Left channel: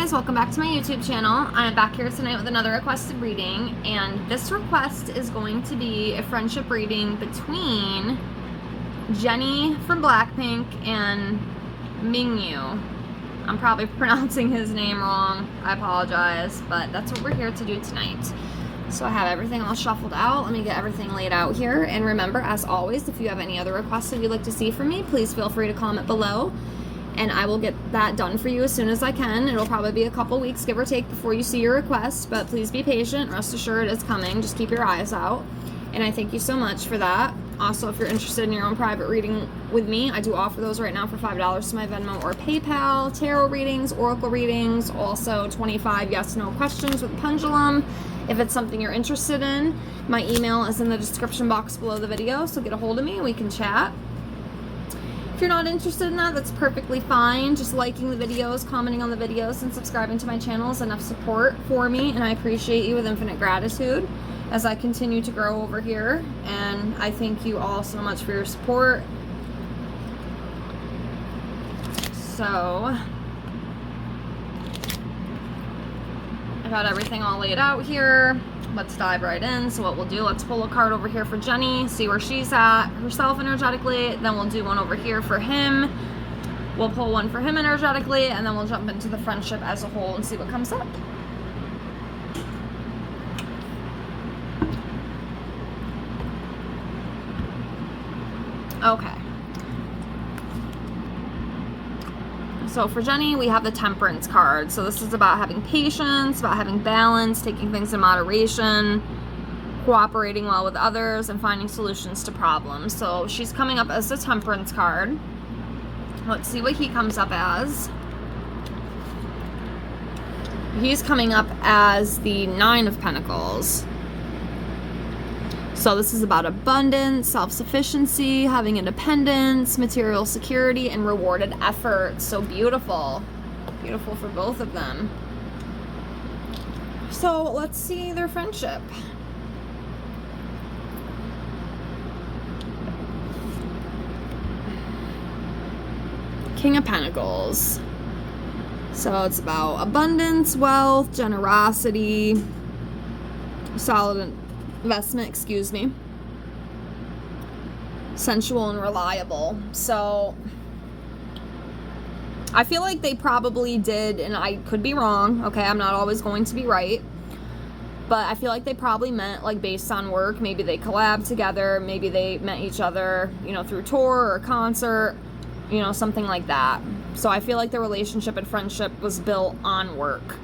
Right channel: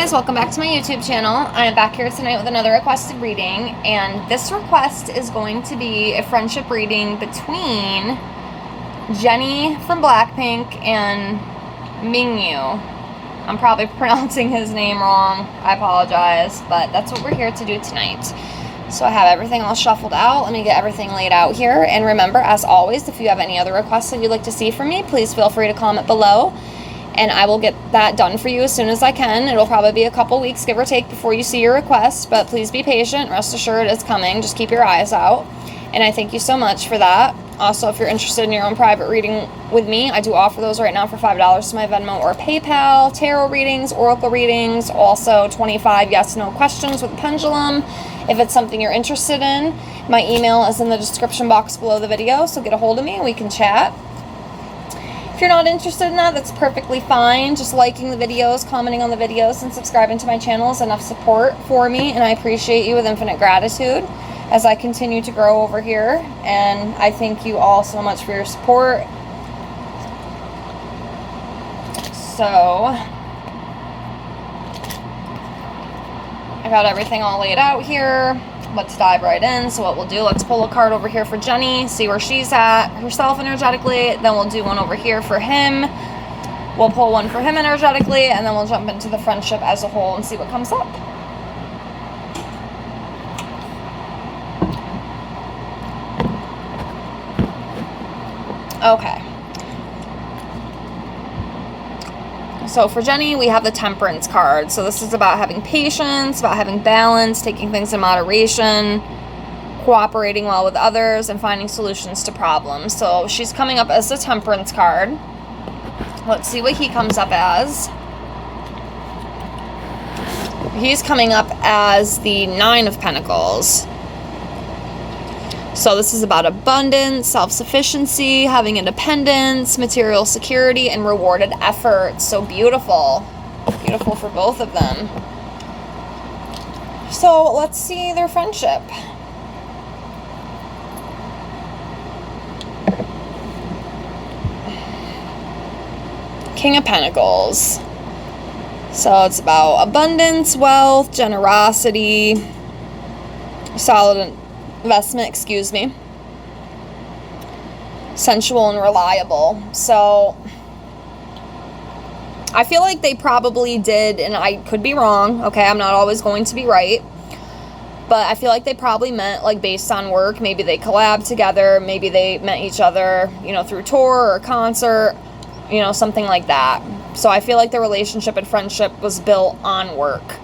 guys, welcome back to my YouTube channel. I'm back here tonight with another requested reading, and this request is going to be a friendship reading between Jennie from Blackpink and Mingyu. I'm probably pronouncing his name wrong, I apologize, but that's what we're here to do tonight. So I have everything all shuffled out. Let me get everything laid out here, and remember, as always, if you have any other requests that you'd like to see from me, please feel free to comment below. And I will get that done for you as soon as I can. It'll probably be a couple weeks, give or take, before you see your request, but please be patient. Rest assured it's coming. Just keep your eyes out. And I thank you so much for that. Also, if you're interested in your own private reading with me, I do offer those right now for $5 to my Venmo or PayPal. Tarot readings, oracle readings, also 25 yes/no questions with a pendulum. If it's something you're interested in, my email is in the description box below the video, so get a hold of me and we can chat. If you're not interested in that, that's perfectly fine. Just liking the videos, commenting on the videos, and subscribing to my channel is enough support for me, and I appreciate you with infinite gratitude as I continue to grow over here. And I thank you all so much for your support. So I got everything all laid out here. Let's dive right in. So what we'll do, let's pull a card over here for Jennie, see where she's at herself energetically. Then we'll do one over here for him. We'll pull one for him energetically, and then we'll jump into the friendship as a whole and see what comes up. Okay. So for Jennie, we have the Temperance card. So this is about having patience, about having balance, taking things in moderation, cooperating well with others, and finding solutions to problems. So she's coming up as the Temperance card. Let's see what he comes up as. He's coming up as the Nine of Pentacles. So this is about abundance, self-sufficiency, having independence, material security, and rewarded effort. So beautiful. Beautiful for both of them. So let's see their friendship. King of Pentacles. So it's about abundance, wealth, generosity, solid investment, sensual and reliable. So I feel like they probably did, and I could be wrong, okay, I'm not always going to be right, but I feel like they probably met like based on work. Maybe they collabed together, maybe they met each other, you know, through tour or concert, you know, something like that. So I feel like their relationship and friendship was built on work,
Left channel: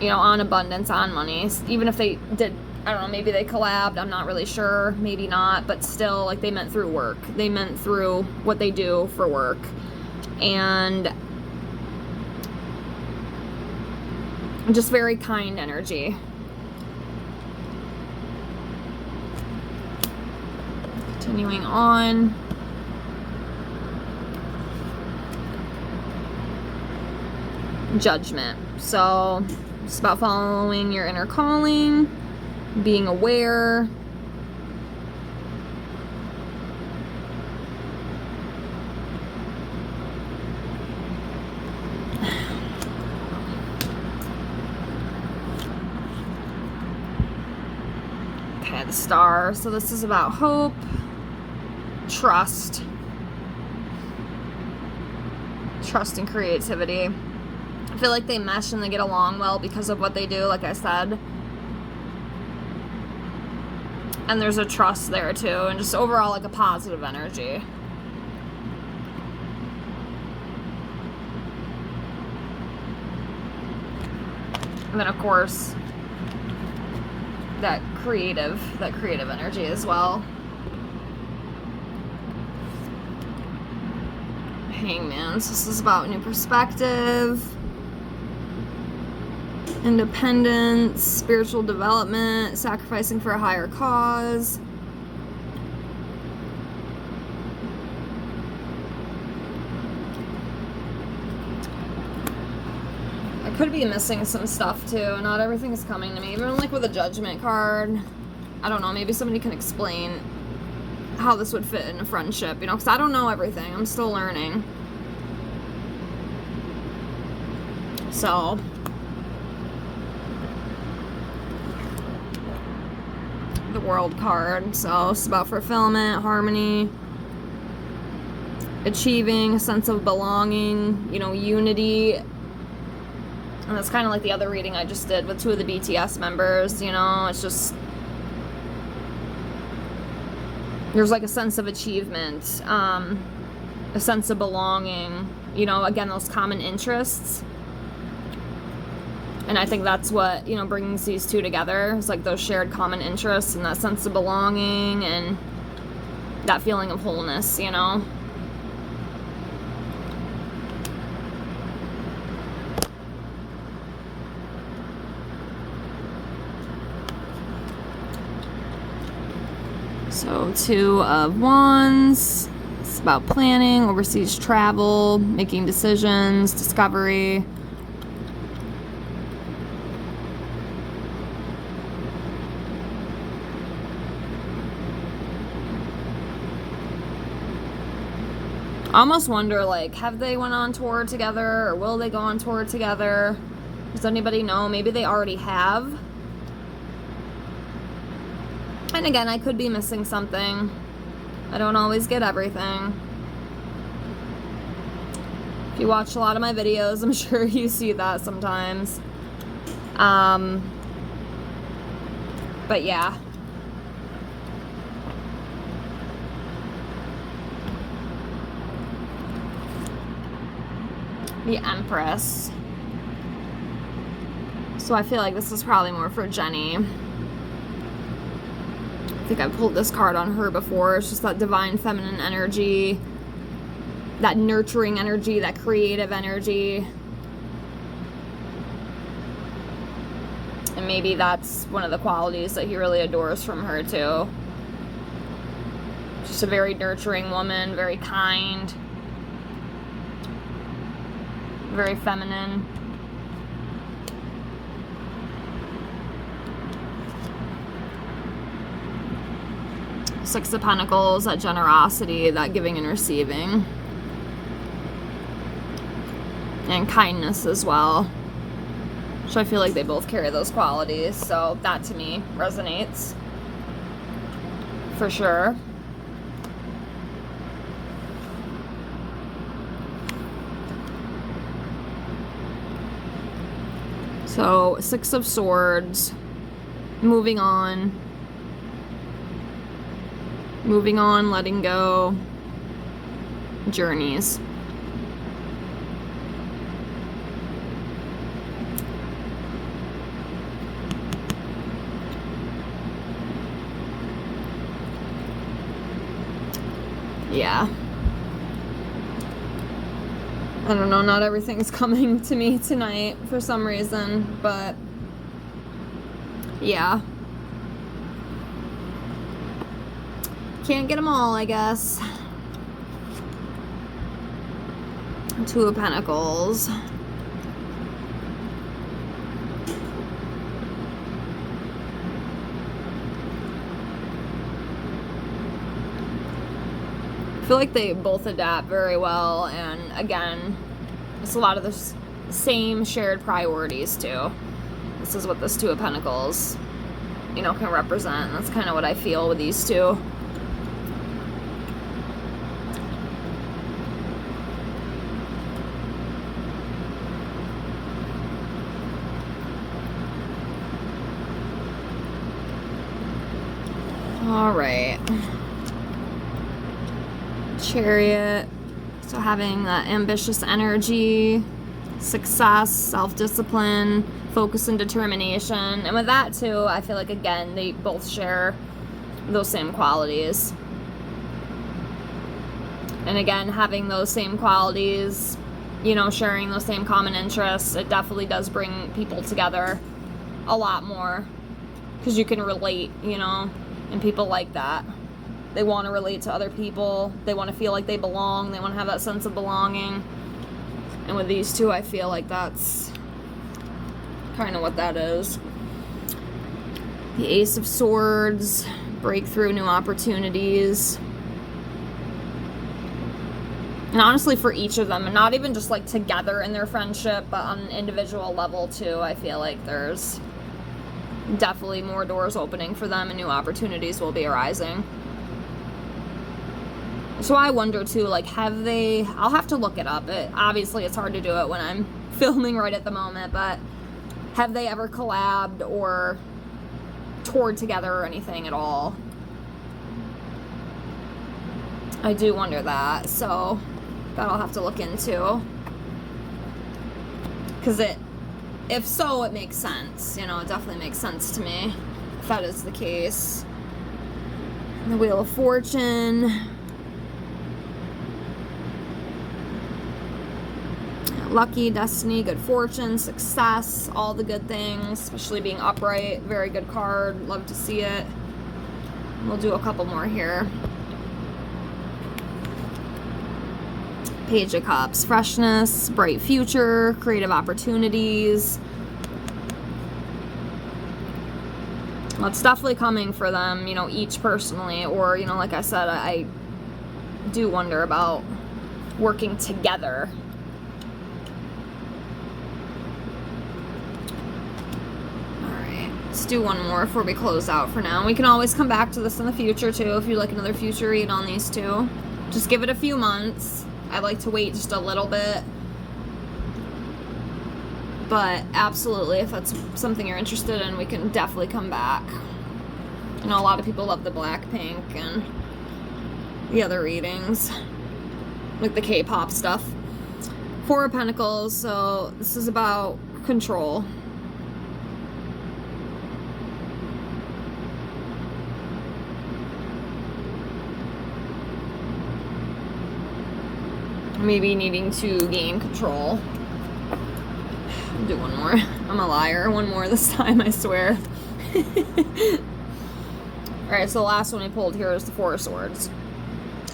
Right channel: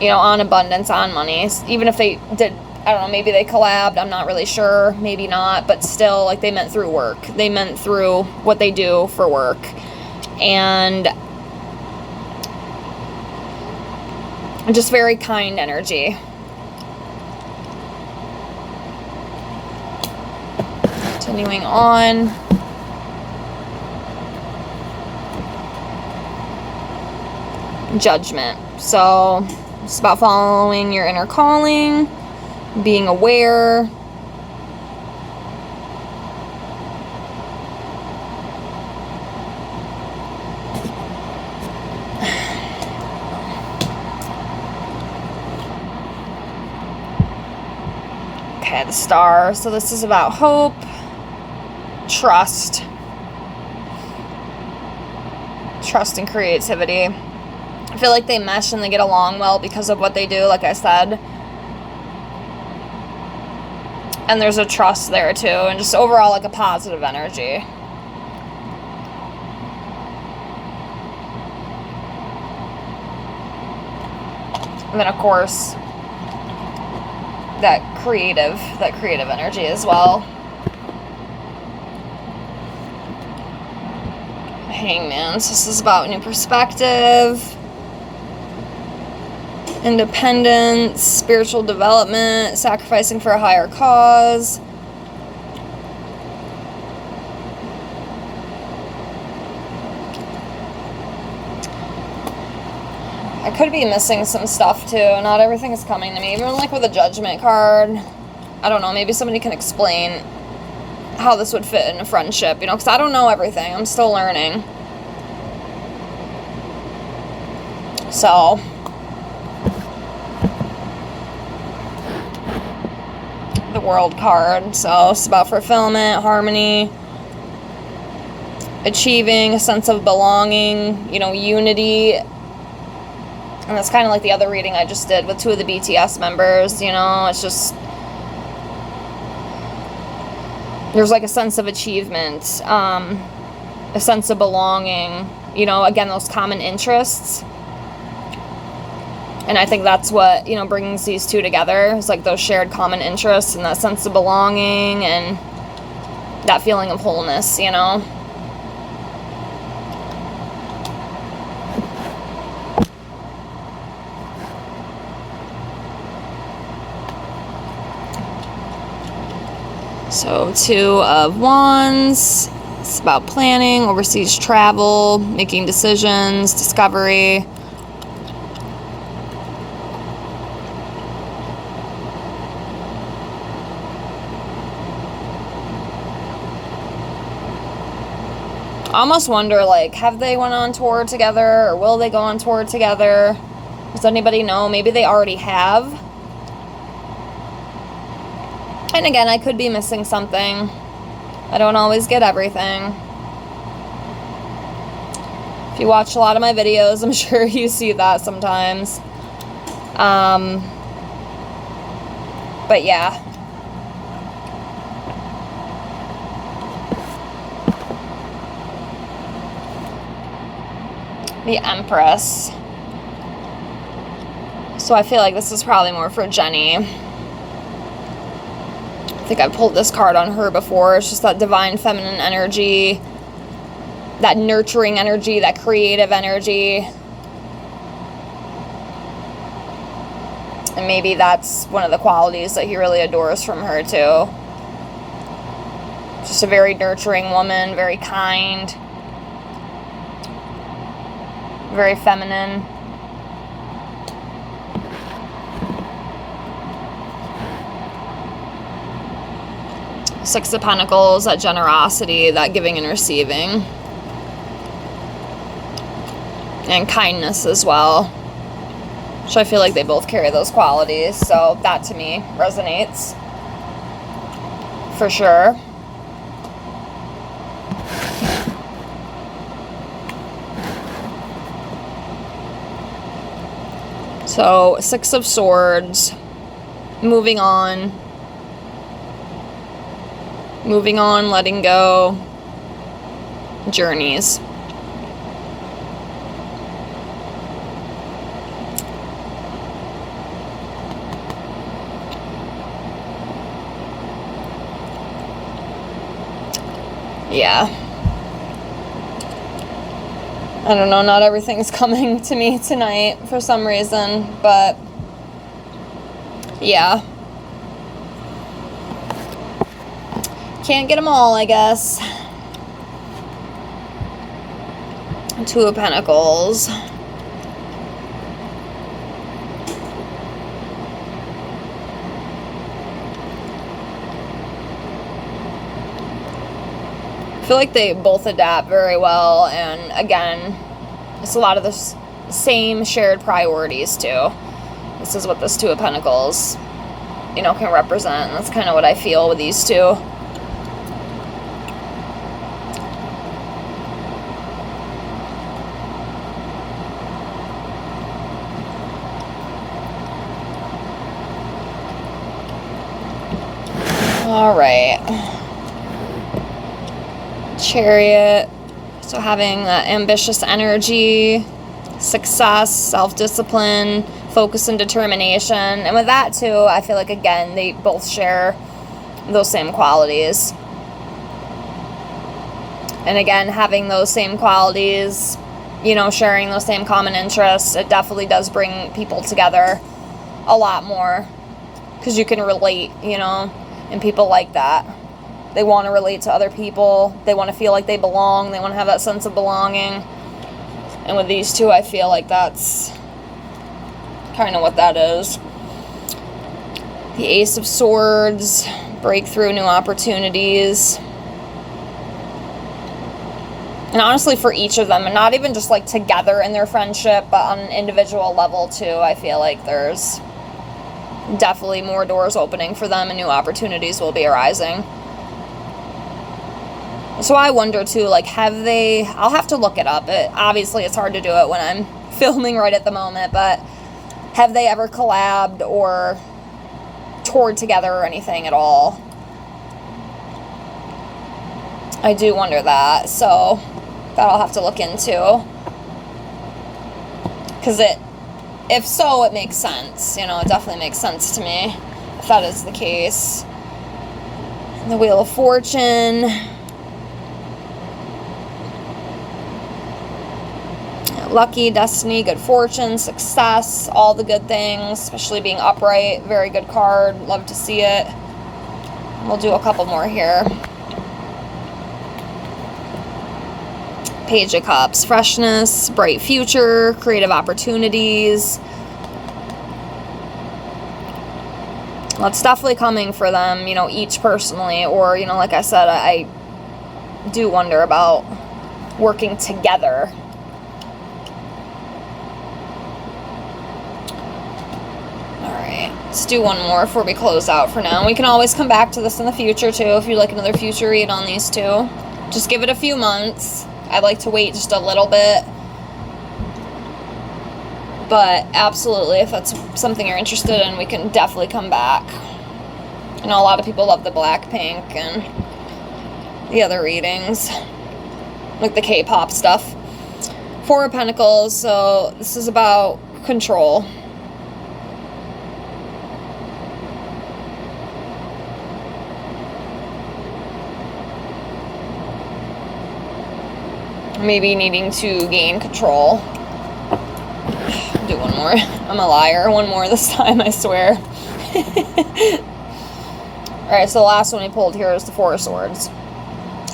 you know, on abundance, on money. Even if they did, I don't know, maybe they collabed, I'm not really sure, maybe not, but still, like, they meant through work. They meant through what they do for work. And just very kind energy. Continuing on. Judgment. So it's about following your inner calling, being aware. Okay, the Star. So this is about hope, trust and creativity. I feel like they mesh and they get along well because of what they do, like I said. And there's a trust there too, and just overall like a positive energy. And then of course that creative energy as well. Hangman. So this is about new perspective, independence, spiritual development, sacrificing for a higher cause. I could be missing some stuff too. Not everything is coming to me. Even like with a Judgment card, I don't know, maybe somebody can explain how this would fit in a friendship, you know, because I don't know everything. I'm still learning. So, the World card. So, it's about fulfillment, harmony, achieving a sense of belonging, you know, unity. And that's kind of like the other reading I just did with 2 of the BTS members, you know, it's just, there's like a sense of achievement, a sense of belonging, you know, again, those common interests. And I think that's what, you know, brings these 2 together, is like those shared common interests and that sense of belonging and that feeling of wholeness, you know. So 2 of Wands, it's about planning, overseas travel, making decisions, discovery. I almost wonder, like, have they went on tour together, or will they go on tour together? Does anybody know? Maybe they already have. And again, I could be missing something. I don't always get everything. If you watch a lot of my videos, I'm sure you see that sometimes. But yeah. The Empress. So I feel like this is probably more for Jennie. I think I've pulled this card on her before. It's just that divine feminine energy, that nurturing energy, that creative energy. And maybe that's one of the qualities that he really adores from her too. Just a very nurturing woman, very kind, very feminine. Six of Pentacles, that generosity, that giving and receiving. And kindness as well. So I feel like they both carry those qualities. So that to me resonates. For sure. So 6 of Swords. Moving on. Moving on, letting go, journeys. Yeah. I don't know, not everything's coming to me tonight for some reason, but yeah. Can't get them all, I guess. 2 of Pentacles. I feel like they both adapt very well, and again, it's a lot of the same shared priorities too. This is what this 2 of Pentacles, you know, can represent. That's kind of what I feel with these 2. All right. Chariot. So having that ambitious energy, success, self-discipline, focus and determination. And with that too, I feel like again, they both share those same qualities. And again, having those same qualities, you know, sharing those same common interests, it definitely does bring people together a lot more. Because you can relate, you know, and people like that. They want to relate to other people. They want to feel like they belong. They want to have that sense of belonging. And with these 2, I feel like that's kind of what that is. The Ace of Swords, breakthrough, new opportunities. And honestly, for each of them, and not even just like together in their friendship, but on an individual level too, I feel like there's definitely more doors opening for them and new opportunities will be arising. So I wonder too, like, I'll have to look it up. Obviously it's hard to do it when I'm filming right at the moment, but have they ever collabed or toured together or anything at all? I do wonder that, so that I'll have to look into. Because if so, it makes sense. You know, it definitely makes sense to me if that is the case. The Wheel of Fortune. Lucky, destiny, good fortune, success, all the good things, especially being upright. Very good card. Love to see it. We'll do a couple more here. Page of Cups, freshness, bright future, creative opportunities. Well, it's definitely coming for them, you know, each personally, or, you know, like I said, I do wonder about working together. Let's do one more before we close out for now. We can always come back to this in the future too if you'd like another future read on these two. Just give it a few months. I'd like to wait just a little bit. But absolutely, if that's something you're interested in, we can definitely come back. I know a lot of people love the Blackpink and the other readings, like the K-pop stuff. Four of Pentacles, so this is about control. Maybe needing to gain control. Do one more. I'm a liar. One more this time, I swear. Alright, so the last one we pulled here is the Four of Swords.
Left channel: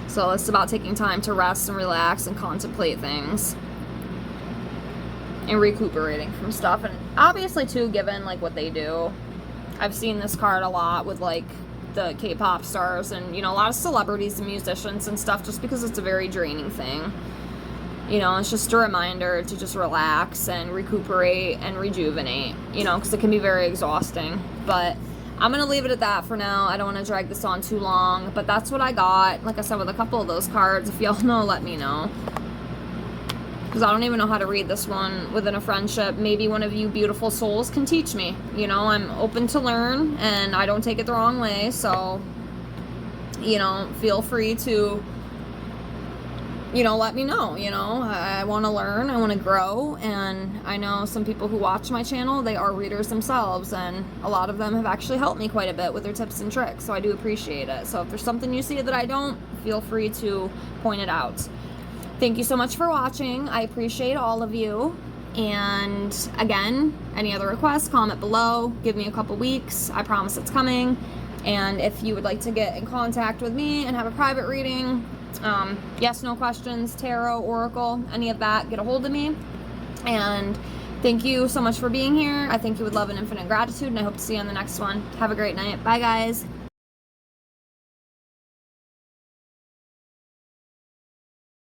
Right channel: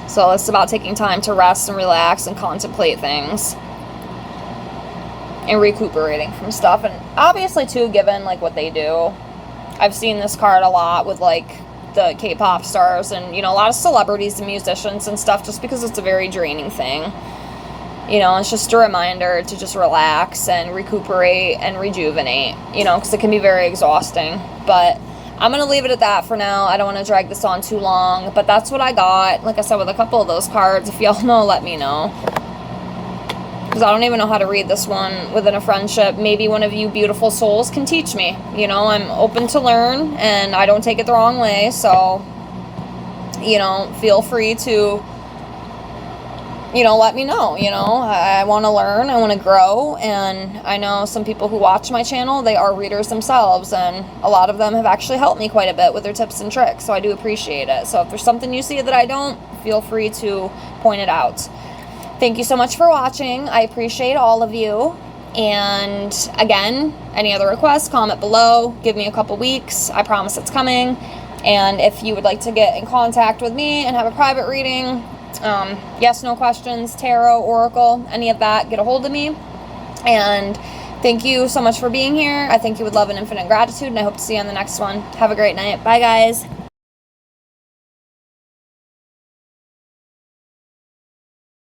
So it's about taking time to rest and relax and contemplate things. And recuperating from stuff. And obviously, too, given, like, what they do. I've seen this card a lot with, like, the K-pop stars and, you know, a lot of celebrities and musicians and stuff, just because it's a very draining thing. You know, it's just a reminder to just relax and recuperate and rejuvenate, you know, because it can be very exhausting. But I'm going to leave it at that for now. I don't want to drag this on too long, but that's what I got. Like I said, with a couple of those cards. If y'all know, let me know. Because I don't even know how to read this one within a friendship. Maybe one of you beautiful souls can teach me. You know, I'm open to learn, and I don't take it the wrong way. So, you know, feel free to, you know, let me know. You know, I want to learn, I want to grow, and I know some people who watch my channel, they are readers themselves, and a lot of them have actually helped me quite a bit with their tips and tricks, so I do appreciate it. So if there's something you see that I don't, feel free to point it out. Thank you so much for watching. I appreciate all of you. And again, any other requests, comment below. Give me a couple weeks. I promise it's coming. And if you would like to get in contact with me and have a private reading, yes, no questions, tarot, oracle, any of that, get a hold of me. And thank you so much for being here. I thank you with love and infinite gratitude, and I hope to see you on the next one. Have a great night. Bye, guys.